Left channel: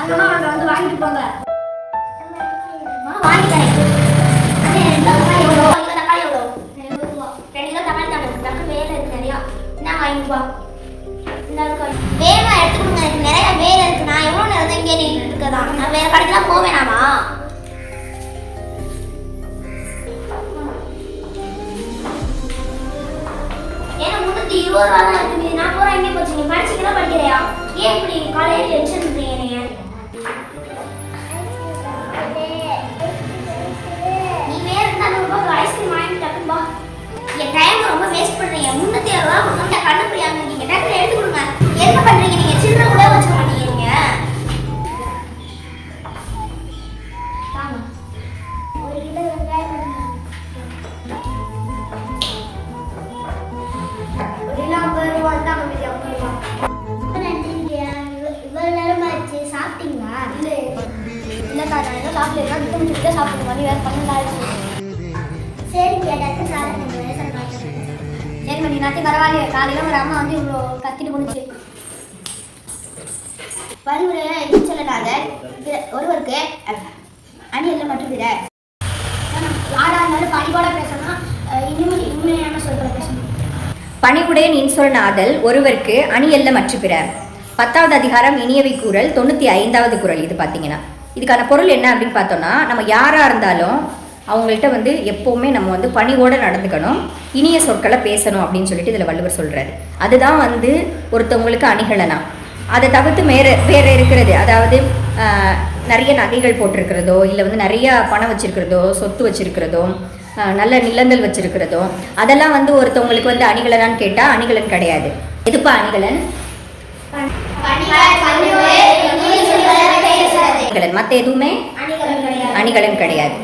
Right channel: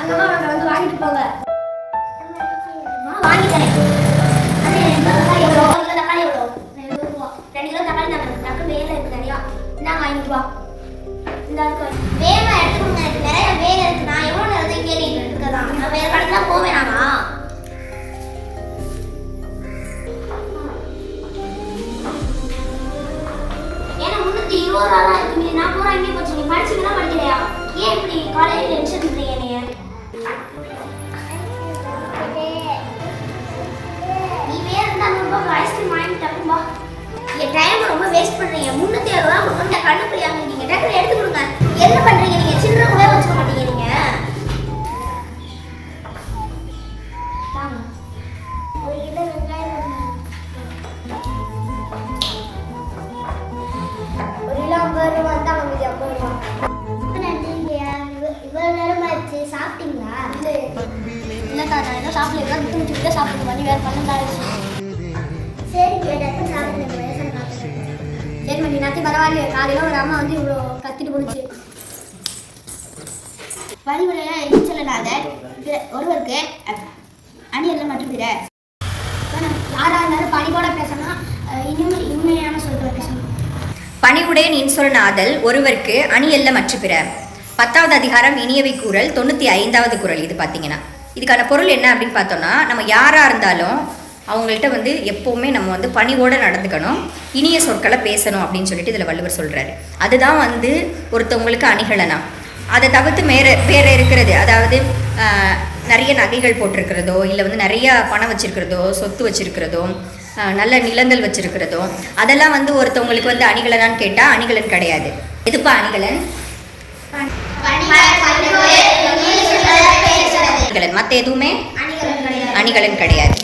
அங்கம்மா அங்கே வந்து வாங்கிட்டு போங்க. வாங்கி தரேன். தக்காளி எவ்வளோ? 2 கிலோ தக்காளி தாங்க. வேலை இருக்கு நிறையா. நான் வாங்கிட்டு வா. வேகமாக எடுத்துக்கணும். எனக்கு நிறைய வேலை இருக்கு. நான் எவ்வளோ நேரம் இங்கே இருக்கதான்? நான் வேறு கடைக்கெல்லாம் போவேனாமா? ஏன்னா 320 ரூபா தான் இருக்கு. நான் போகிறேன் இங்கே போச்சு. நீ படிச்சுக்கலாம் படிக்கிறையா? ஏன் இப்படி காலையில் டென்ஷன் பண்ணுறீங்க நீங்கள்? நீ வேறு இருந்தால் 100 ரூபாய்க்கு ஐஸ்கிரீம் வாங்கிட்டு டக்கும்பா. என் டைம் ரொம்ப வேஸ்ட் பண்ணுறீங்க. 307 ரூபா கொடுத்தா கண்டுபிடியாங்க. நீங்கள் டக்குனு எடுத்து கொடுங்க. என்ன பண்ணுறீங்க நீங்கள்? சில்லறை கூட வச்சுக்க மாட்டேங்கிறீங்க. ஒரு கிலோ வெங்காயம் ஒரு கிலோ 50 ரூபா தான் மீதி 50 ரூபா. இவ்வளோ நேரம் ஆயிடுச்சு. சாப்பிட்டீங்களா? இல்லைக்கா நான் எதுவும் சாப்பிடல. விட்டு சாப்பிடுங்க. மணி வேறு 12 ஆயிடுச்சு. சரி டக்குன்னு சாப்பிடுங்க. சரி மணி நேரத்துக்கு பரவாயில்லையே. காலையில் ஒரு அம்மா வந்து இவ்வளோ கத்திட்டு போணுச்சு. பணிவுரையாக எதுவும் சொல்லலாத ஒருவருக்கு அணியெல்லாம் மற்றும் பிற யாராக இருந்தாலும் பணிவோட பேசணும். இனிமையான சொற்களை பேசணும். பணிவுடன் இன்சொல் ஒருவருக்கு அணியல்ல மற்ற பிற. 10வது அதிகாரம் இனியவை கூறல் 95வது குறள். இது பார்த்தீங்கன்னா இதுக்கான பொருள் என்ன அப்படின்னு பார்த்தோம்னா, நம்ம யாராக இருந்தாலும் அவங்கள்ட்ட வந்து எப்போவுமே நம்ம வந்து பணிவோடு நடந்துக்கணும், இனிய சொற்களை பேசணும் அப்படின்னு சொல்லிட்டு இதில் வள்ளுவர் சொல்கிறாரு. அதுதான் வந்து ஒருத்தவங்களுக்கு அணிகலனா. அதை தவிர்த்து வேறு இருக்கிறது, அதாவது நிறைய நகைகள் போட்டிருக்கிறதோ, இல்லை வந்து நிறையா பணம் வச்சுருக்கிறதோ, சொத்து வச்சுருக்கிறதோ, நல்ல நிலங்கள் வச்சுருக்கிறதோ, அதெல்லாம் வந்து ஒருத்தவங்களுக்கு வந்து அணிகலனான்னு கேட்டால் அணிகலன் கிடையாது. எதுப்பா அணிகலன்? மற்ற எதுவுமே அணிகலன் கிடையாது.